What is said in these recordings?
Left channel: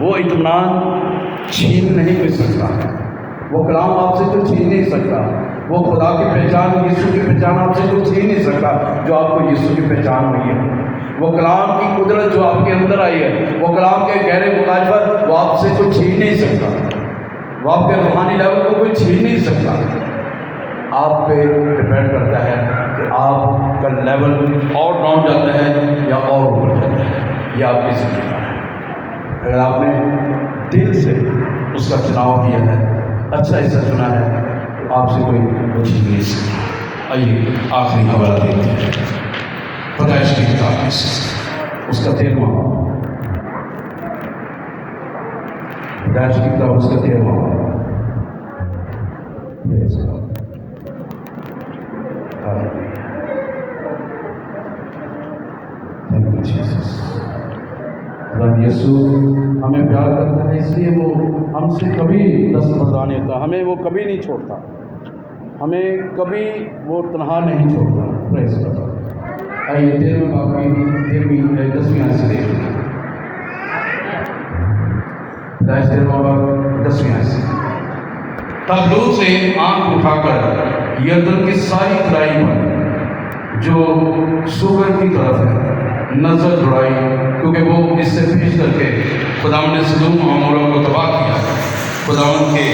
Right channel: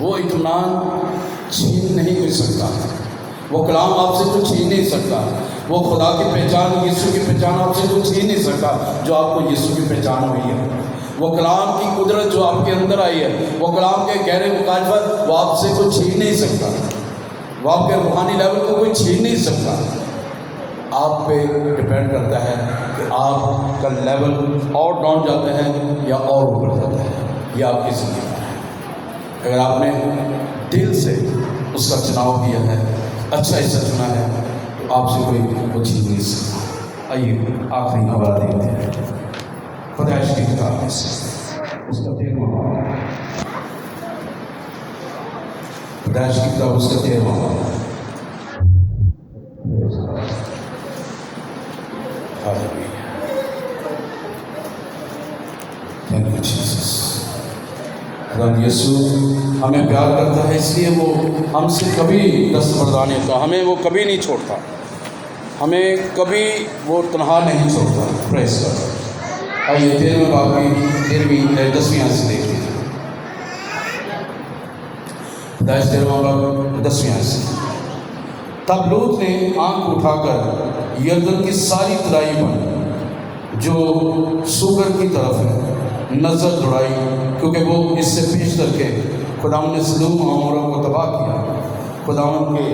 وہ اطمینان چھین نہیں بھی سکتا، وہ کلام آپ سے کچھ چھین نہیں سکتا، وہ خدا کی پہچان، یسوع کی پہچان آپ سے کچھ چھین نہیں سکتا جو آپ کو یسوع کی پہچان ہوئی ہے۔ وہ کلام کی قدرت جو آپ کے اندر آئی ہے، وہ کلام کے گہرے مکاشفت وہ آپ سے کوئی چھین نہیں سکتا، وہ آپ کے روحانی لیول کو کوئی چھین نہیں سکتا۔ آپ پہ ڈپینڈ کرتا ہے کہ آپ کا لیول اور ڈاؤن جاتا ہے یا اور اوپر جاتا ہے، یہ آپ کی زندگی کا ہے۔ اگر آپ نے دل سے اس کا چناؤ کیا ہے، اچھا حصہ چنا ہے، تو آپ سے کوئی کچھ نہیں سکتا۔ آئیے آخری حوالہ دیتے ہیں پیدائش کی کتاب میں سے، اس کا 13واں باب، پیدائش کی کتاب اس کا 13واں باب۔ خدا یسوع ہمیں پیار کرتا ہے، اس لیے وہ ہم سے کبھی دستبرداری ہوتا، ہمیں وہ کبھی نہیں چھوڑتا، ہمیں کبھی وہ تنہا نہیں چھوڑتا۔ پریز گاڈ۔ آئیے 13ویں باب کی 10ویں آیت سے دیکھتے ہیں۔ پیدائش 13واں باب 10ویں آیت سے۔ تب لوط نے آنکھ اٹھا کر یردن کی ساری ترائی پر جو سوگر کی طرف ہے نظر دوڑائی، کیونکہ وہ اس سے پیش کر کے خداوند نے سدوم و عمورہ کو تباہ کیا، خداوند کے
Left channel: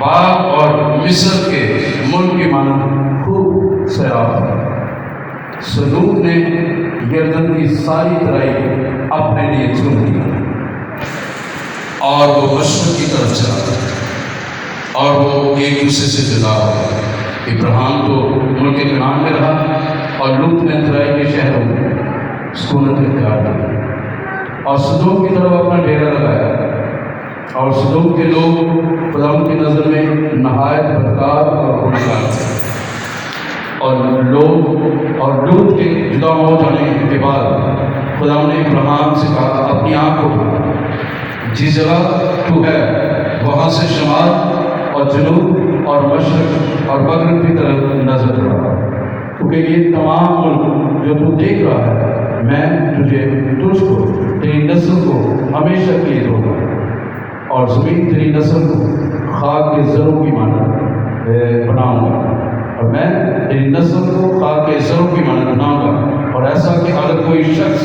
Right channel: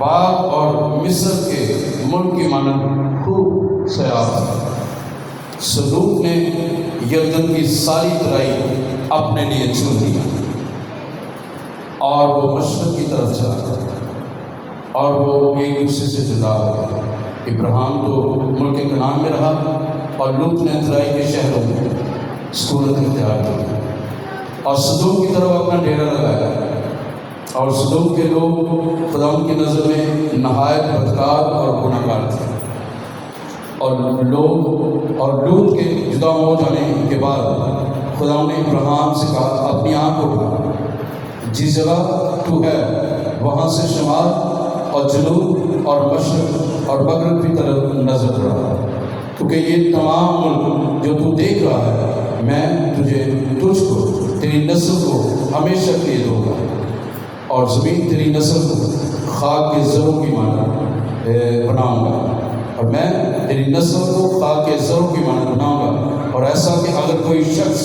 باغ اور مصر کے ملک کی مانند خوب سیراب تھا۔ سدوم نے یردن کی ساری ترائی اپنے لیے چن لیا اور وہ مشرق کی طرف چلا گیا، اور وہ ایک دوسرے سے جدا ہو گئے۔ ابراہیم تو ملک کنعان میں رہا اور لوط نے ترائی کے شہروں میں سکونت اختیار کی اور سدوم کی طرف اپنا ڈیرا لگایا، اور سدوم کے لوگ خداوند کی نظر میں نہایت بدکار اور گنہگار تھے۔ اور لوط کے جدا ہو جانے کے بعد خداوند نے ابراہیم سے کہا، اپنی آنکھ اٹھا، جس جگہ تو ہے وہاں سے شمال اور جنوب اور مشرق اور مغرب کی طرف نظر دوڑا، کیونکہ یہ تمام ملک جو تو دیکھ رہا ہے میں تجھ کو تیری نسل کو ہمیشہ کے لیے دوں گا، اور زمین تیری نسل کو خاک کے زروں کی مانند بناؤں گا، اور میں تیری نسل کو خاک کے زروں کی مانند بناؤں گا، اور ایسا کہ اگر کوئی شخص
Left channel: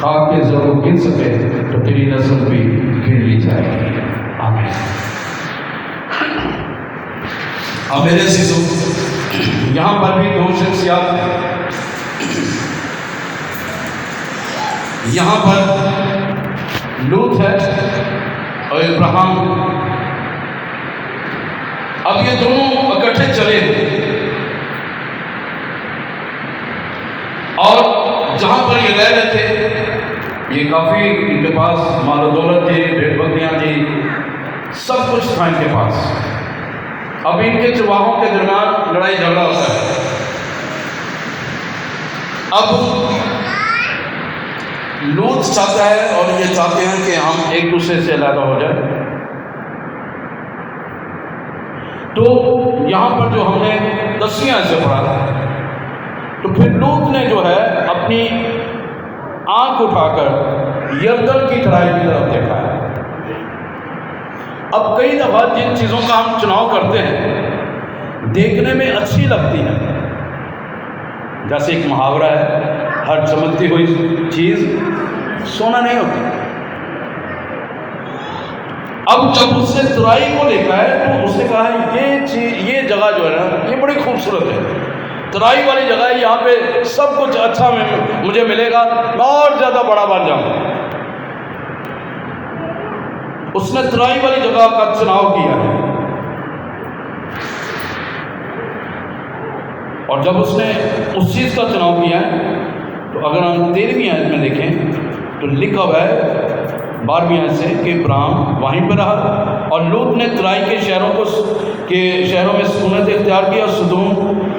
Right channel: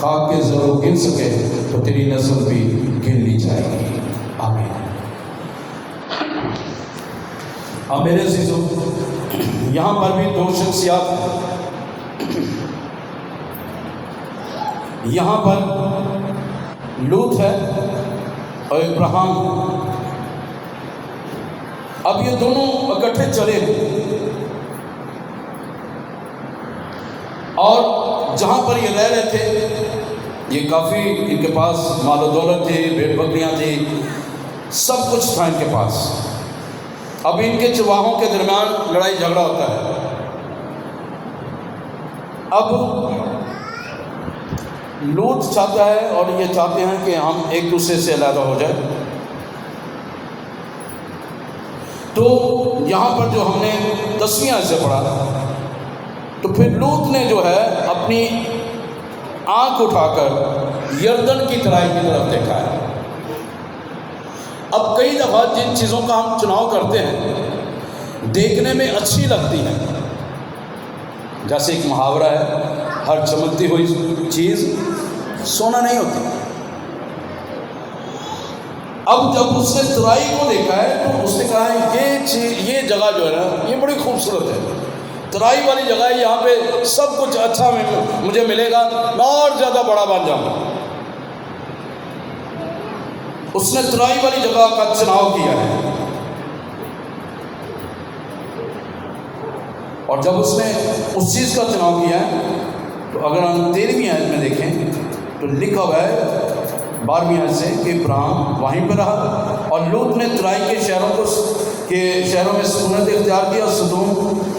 خاک کے زروں کو گن سکے تو تیری نسل بھی گن لی جائے گی۔ آمین۔ اب میرے عزیزو، یہاں پر بھی دو شخصیات ہیں۔ یہاں پر لوط ہے اور ابراہیم۔ اب یہ دونوں اکٹھے چلے اور جہاں پر یہ رہ رہے تھے، یہ کافی ان کے پاس مال و دولت تھی، بھیڑ بکریاں تھی، سب کچھ تھا ان کے پاس۔ اب ان کے چرواہوں کے درمیان لڑائی جھگڑا ہوتا ہے۔ اب لوط چاہتا ہے اور یہ چاہتے ہیں کہ ہم ایک دوسرے سے علیحدہ ہو جائے۔ تو یہاں پر جو ہم نے 10ویں آیت سے پڑھا تھا، تو پھر لوط نے جو ہے اپنی آنکھ اٹھا کر یردن کی ترائی کی طرف دیکھا ہے۔ اب کئی دفعہ جن چیزوں کا ہم چناؤ کرتے ہیں دیکھنے میں اچھی لگتی ہے، جیسے ایک محاورہ ہے، ہر چمکتی ہوئی چیز سونا نہیں ہوتی۔ اب جب اس نے ترائی کو دیکھا ہے تو اس نے کہا یہ جگہ جو ہے نا یہ بڑی خوبصورت ہے، ترائی والی جگہ ہے، یہاں پہ سب کچھ اچھا مجھے ملے گا، اور زیادہ بڑا بن جاؤں گا۔ اس نے ترائی والی جگہ کا چناؤ کیا ہے، اور جب اس نے اس چیز کا چناؤ کیا ہے تو اگر ہم 13ویں آیت میں دیکھیں تو لکھا ہوا ہے 12ویں آیت سے کہ ابراہیم وہیں پہ رہا، اور لوط نے ترائی کے شہروں میں سکونت اختیار کی اور سدوم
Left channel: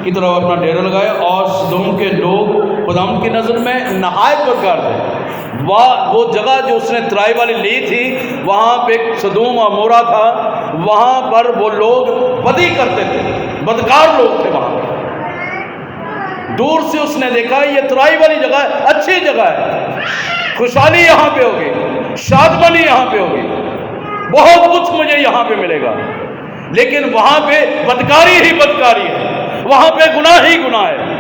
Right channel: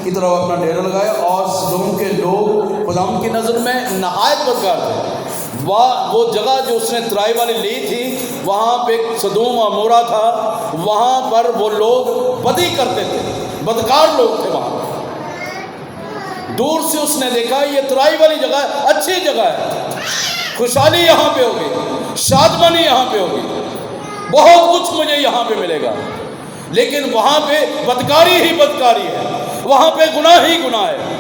کی طرف اپنا ڈیرا لگایا، اور سدوم کے لوگ خداوند کی نظر میں نہایت بدکار تھے۔ وہ جگہ جو اس نے ترائی والی لی تھی، وہاں پہ سدوم و عمورہ تھا، وہاں پر وہ لوگ بدی کرتے تھے، بدکار لوگ تھے وہاں پہ۔ دور سے اس نے دیکھا یہ ترائی والی جگہ اچھی جگہ ہے، خوشحالی یہاں پہ ہوگی، شادمانی یہاں یہاں پہ ہوگی، بہت کچھ مجھے یہاں پہ ملے گا، لیکن وہاں پہ بدکاری ہی بدکاری ہے، وہاں پہ گناہ ہی گناہ ہے۔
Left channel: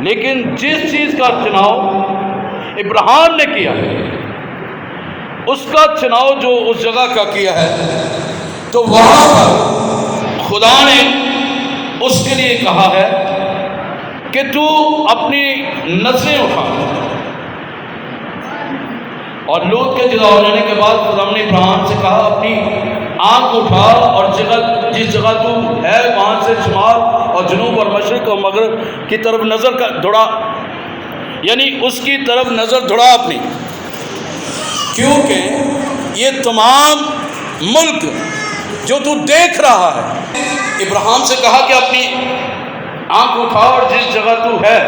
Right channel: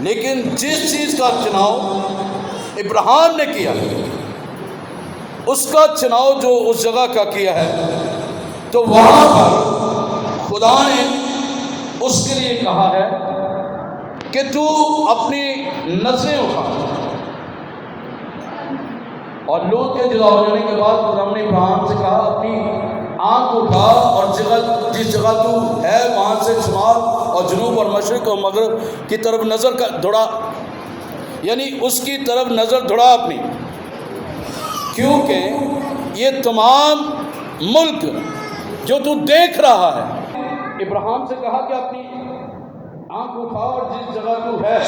لیکن جس چیز کا چناؤ ابراہیم نے کیا ہے، اس کا چناؤ جو اس جگہ کا کیا ہے، تو وہاں پر خدا نے اس کے لیے کہا ہے کہ تو اپنی نظریں اٹھا۔ اور لوط کے جدا ہو جانے کے بعد خدا نے ابراہیم سے کہا اپنی آنکھ اٹھا اور جس جگہ تو ہے وہاں سے شمال اور جنوب اور مشرق اور مغرب کی طرف نظر دوڑا، یعنی اس کی طرف نظر دوڑا اپنی، کیونکہ یہ تمام ملک جو تو دیکھ رہا ہے۔ ابراہیم سے کہا کہ اپنی آنکھ اٹھا اور جس جگہ تو ہے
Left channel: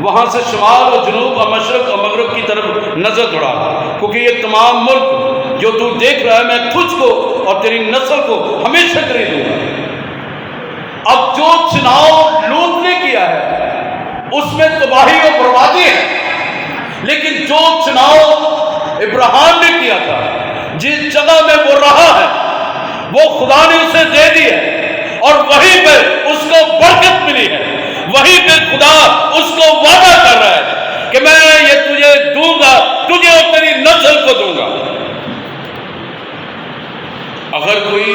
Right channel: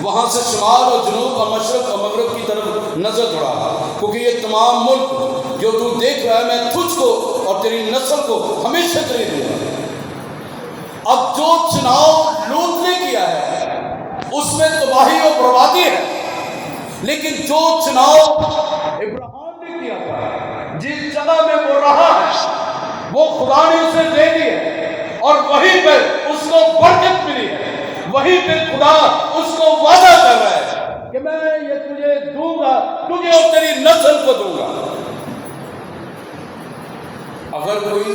وہاں سے شمال اور جنوب اور مشرق اور مغرب کی طرف نظر دوڑا، کیونکہ یہ تمام ملک جو تو دیکھ رہا ہے میں تجھ کو اور تیری نسل کو ہمیشہ کے لیے دوں گا۔ اب جو چناؤ لوط نے کیا ہے اس میں تباہی اور بربادی ہے، لیکن جو چناؤ ابراہیم نے کیا تھا، جس جگہ میں وہ رہا ہے وہ خدا نے اسے دے دی ہے، اور وہیں پہ اس کو برکت ملی ہے، وہیں پہ خدا اس کو وعدہ کر رہا ہے کہ میں یہ تجھے دوں گا، تجھے اور تیری نسل کو دوں گا۔ اگر کوئی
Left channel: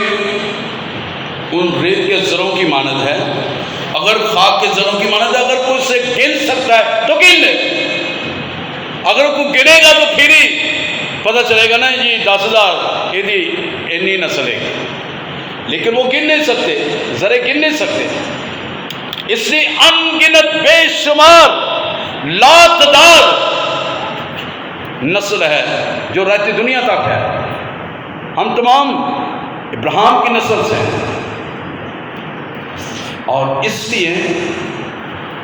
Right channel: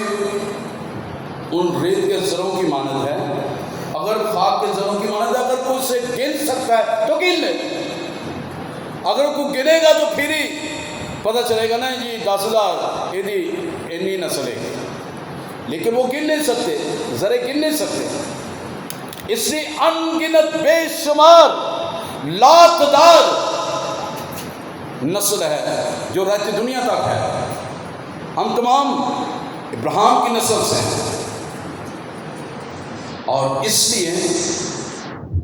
ان ریت کے ذروں کی مانند ہے، اگر خاک کے ذروں کی مانند ہے، اگر کوئی اسے گن سکتا ہے تو گن لے، اگر کوئی گنے گا تو پھر ہی پتہ چلے گا نا جی 10,000 اتنی نسل ہے، لیکن وہ گن نہیں سکتے، ذرے گن نہیں سکتے، اس لیے انگنت بے شمار لاتعداد نسل ہے جو رہتی دنیا تک ہے۔ ہم تمام ابراہیم کی نسل سے ہیں، اور اس لیے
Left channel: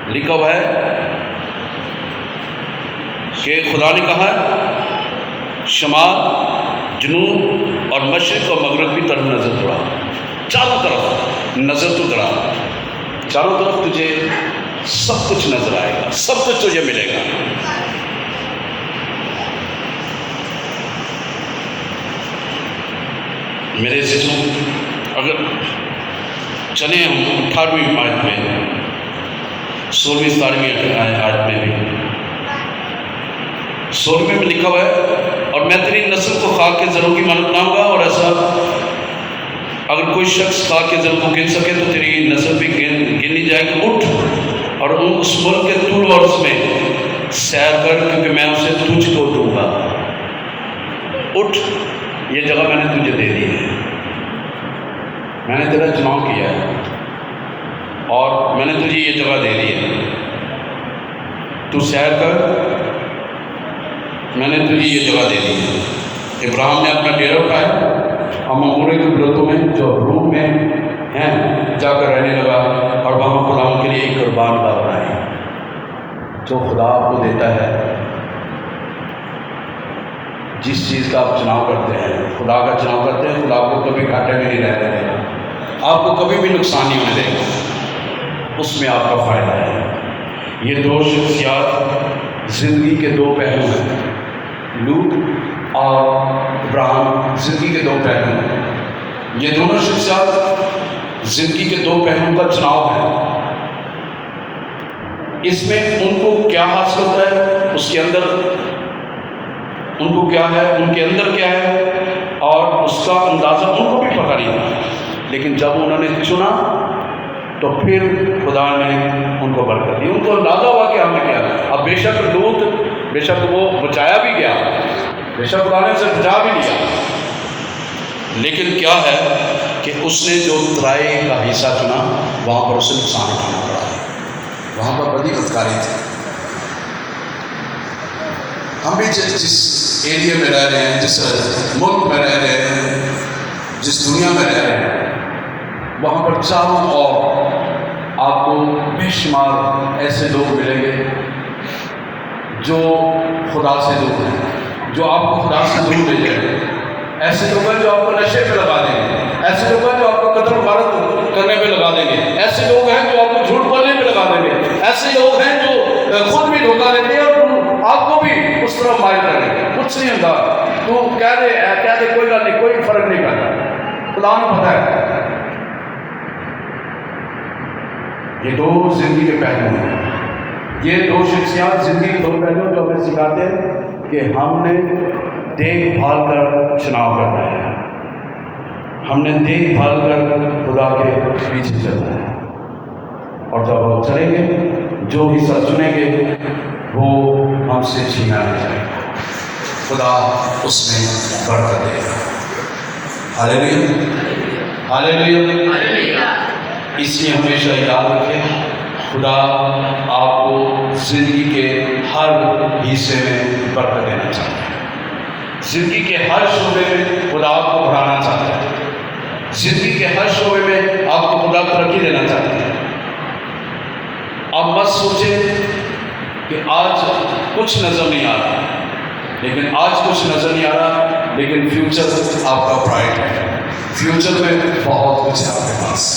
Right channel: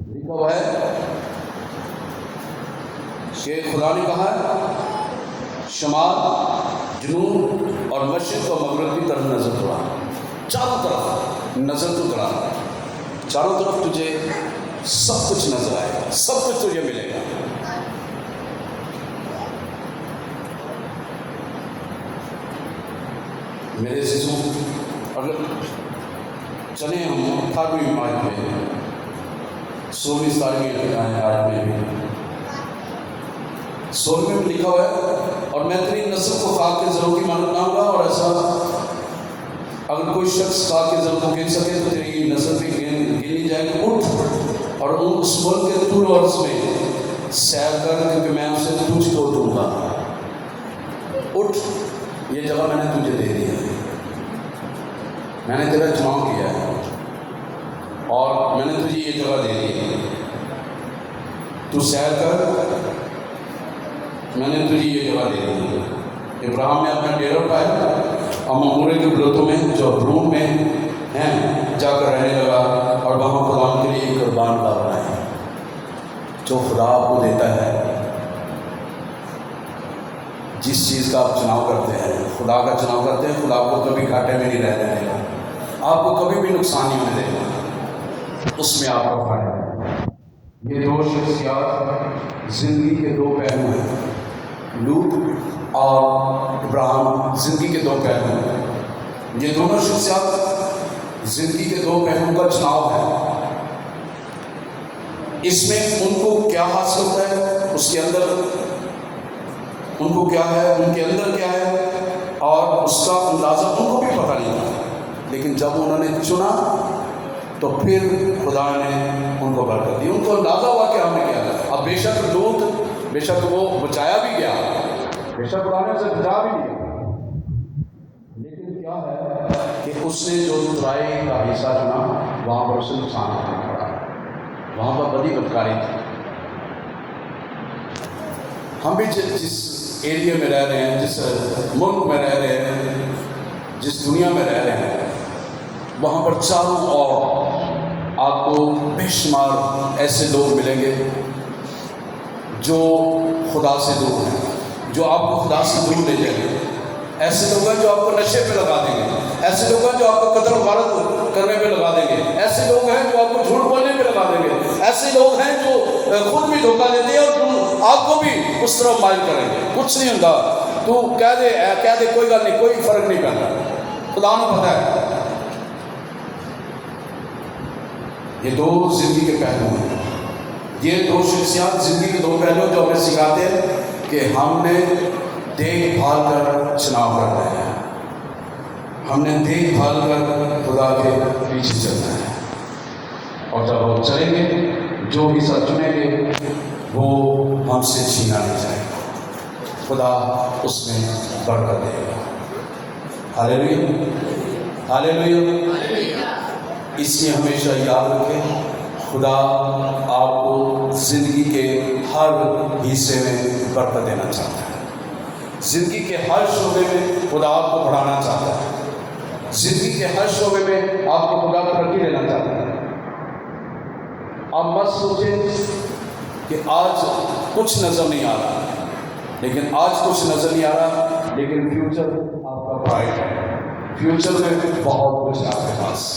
لکھا ہوا ہے کہ خدا نے کہا شمال، جنوب اور مشرق اور مغرب کی طرف نظر دوڑا، چاروں طرف نظر تو دوڑا، چاروں طرف تجھے سب کچھ نظر آئے گا، سب کچھ تجھے ملے گا۔ میرے عزیزوں، اگر چلیں ہم 18ویں آیت میں، 16ویں 17ویں آیت میں بھی 16ویں میں لکھا ہوا ہے اور میں تیری نسل کو خاک کے ذروں کی مانند بناؤں گا، اور ایسا اگر کوئی شخص خاک کے ذروں کو گن سکے تو تیری نسل بھی گنی جائے گی۔ اٹھ اور اس ملک کے طول و عرض میں سیر کر، کیونکہ میں اسے تجھ کو دوں گا۔ اٹھ، یہ جگہ میں نے تجھے دے دی ہے، میں نے تیرا چناؤ کیا ہے اور میں نے تجھے یہ جگہ دے دی ہے، تو سیر کر، میں نے تجھے یہ جگہ دے دی ہے۔ ابراہیم نے اپنا ڈیرا اٹھایا اور ممورے کے بلوتوں میں جو روم میں ہیں جا کر رہنے لگا، اور وہاں خدا کے لیے ایک قربان گاہ بنائی۔ جو خدا آپ کو دیتا ہے، جس چیز کا آپ چناؤ کرتے ہیں، خدا کا چناؤ کرتے ہیں، خدا کو کبھی گھاٹے میں نہیں رہنے دے گا، آپ کو کبھی بھی نقصان نہیں ہونے دے گا، اس میں آپ کا فائدہ ہے۔ یہ دو شخصیات زندگی کے دو پہلو ہیں، لوط اور ابراہیم زندگی کے دو پہلو ہیں۔ یہ دونوں شخصیات زندگی کے دو پہلوؤں کا چناؤ ہے۔ اس میں ان کو کیا حاصل ہوتا ہے، اس کے اندر ان کو کیا ہے، ان کے اندر کیا ہے، اور اس کا اندازہ ان کو بھی پتہ نہیں تھا، لیکن جب انہوں نے چنا تو پھر خدا نے ان کو برکت دی، ان کو اندازہ ہوا کہ ہم نے کیا۔ اب بے شک لوط، بے شک وہ بچایا بھی گیا، بے شک خدا نے اسے بچا بھی لیا، لیکن کیا ہے کہ اس نے جو ترائی کا حصہ چنا وہاں پر اسے نقصان اٹھانا پڑا، وہاں پر بڑی بدکاری تھی۔ ہم بھی جس ایریے میں رہ رہے ہیں، جس ملک میں رہ رہے ہیں، جس دنیا میں رہ رہے ہیں، وہاں پر چاروں اور آپ کو بے شمار ایسے لوگ ملیں گے جو خدا سے دور ہیں، جو آپ کو خدا سے دور لے جائیں گے۔ ایسے لوگ ہیں جو آپ کو نشے پہ لگا دیں گے، ایسے لوگ ہیں جو آپ کو قتل و غارت کرنے پہ لگا دیں گے، ایسے لوگ ہیں جو آپ کو جھوٹ بولنے پہ لگا دیں گے، ایسے لوگ ہیں جو خود بھی دھوکہ دیتے ہیں اور آپ کو بھی اس طرح مائل کریں گے۔ کچھ نہیں ہوگا، تو کہہ دے کوئی گل نہیں، کوئی فرق نہیں پڑتا، خدا نے پتہ ہے۔ یہ دو زندگی کے پہلو ہیں، یہ دو شخصیات زندگی کے دو پہلو جو ہمیں سکھاتے ہیں کہ ہم نے دیکھ بھال کر چناؤ کرنا ہے، ہم نے دیکھ بھال کر خدا کے پیچھے چلنا ہے، اور جب ہم چلیں گے جو حصہ چنیں گے وہ ہم سے چھینا نہیں جائے گا، خدا اس میں برکت دے گا۔ ہاللیلویا، ہاللیلویا۔ اس لیے ہمیشہ یاد رکھیں، خدا آپ کو زندگی کے ہر حصے میں برکت دینا چاہتا ہے، زندگی کے ہر شعبے میں خدا آپ کو بڑھانا چاہتا ہے، زندگی کے ہر شعبے میں آپ کو خدا ترقی دینا چاہتا ہے۔ آپ مت سوچیں کہ آج کچھ نظر نہیں آ رہا، لیکن آج کچھ نظر نہیں آ رہا، لیکن فیوچر آپ کا برائٹ ہے، فیوچر میں بہت کچھ ہے آپ کے پاس۔